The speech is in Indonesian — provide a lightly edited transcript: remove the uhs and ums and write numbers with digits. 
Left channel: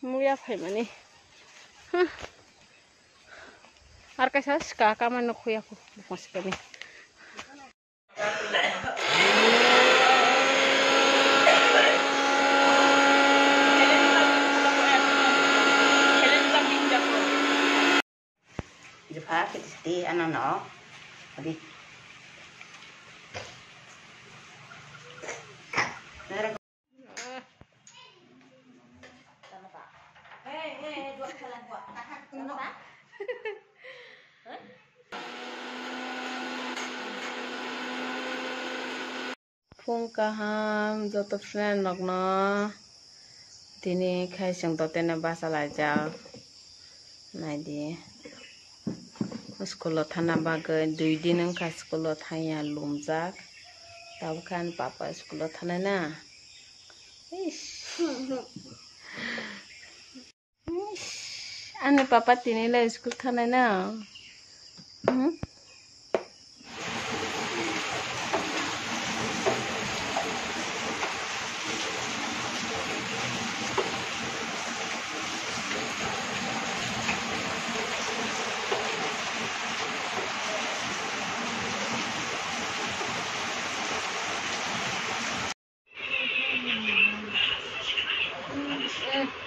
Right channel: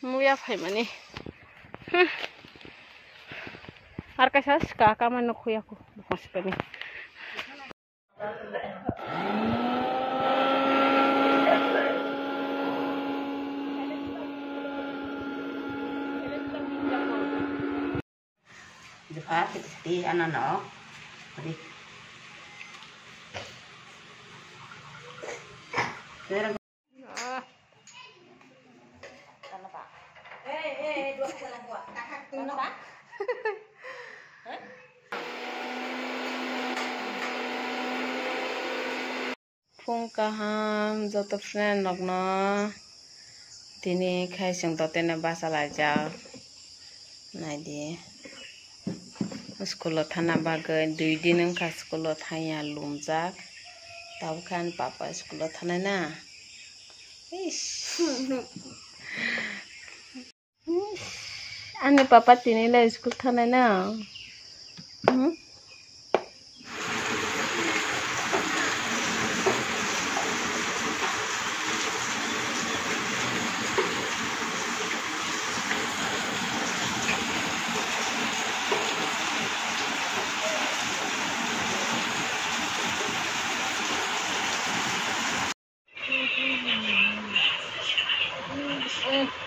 मुया फाइमाने आरकासा सिका कामानो खुयाखौ बुखांसिगोन Jepang kita anak-anak tadi. Phung kaham joto friend nokno tini khaising to tene basalaja naidi school thana bagoi 2 din angka school thaya lumjak tabkan papa school thana na ane papa tini la school thana na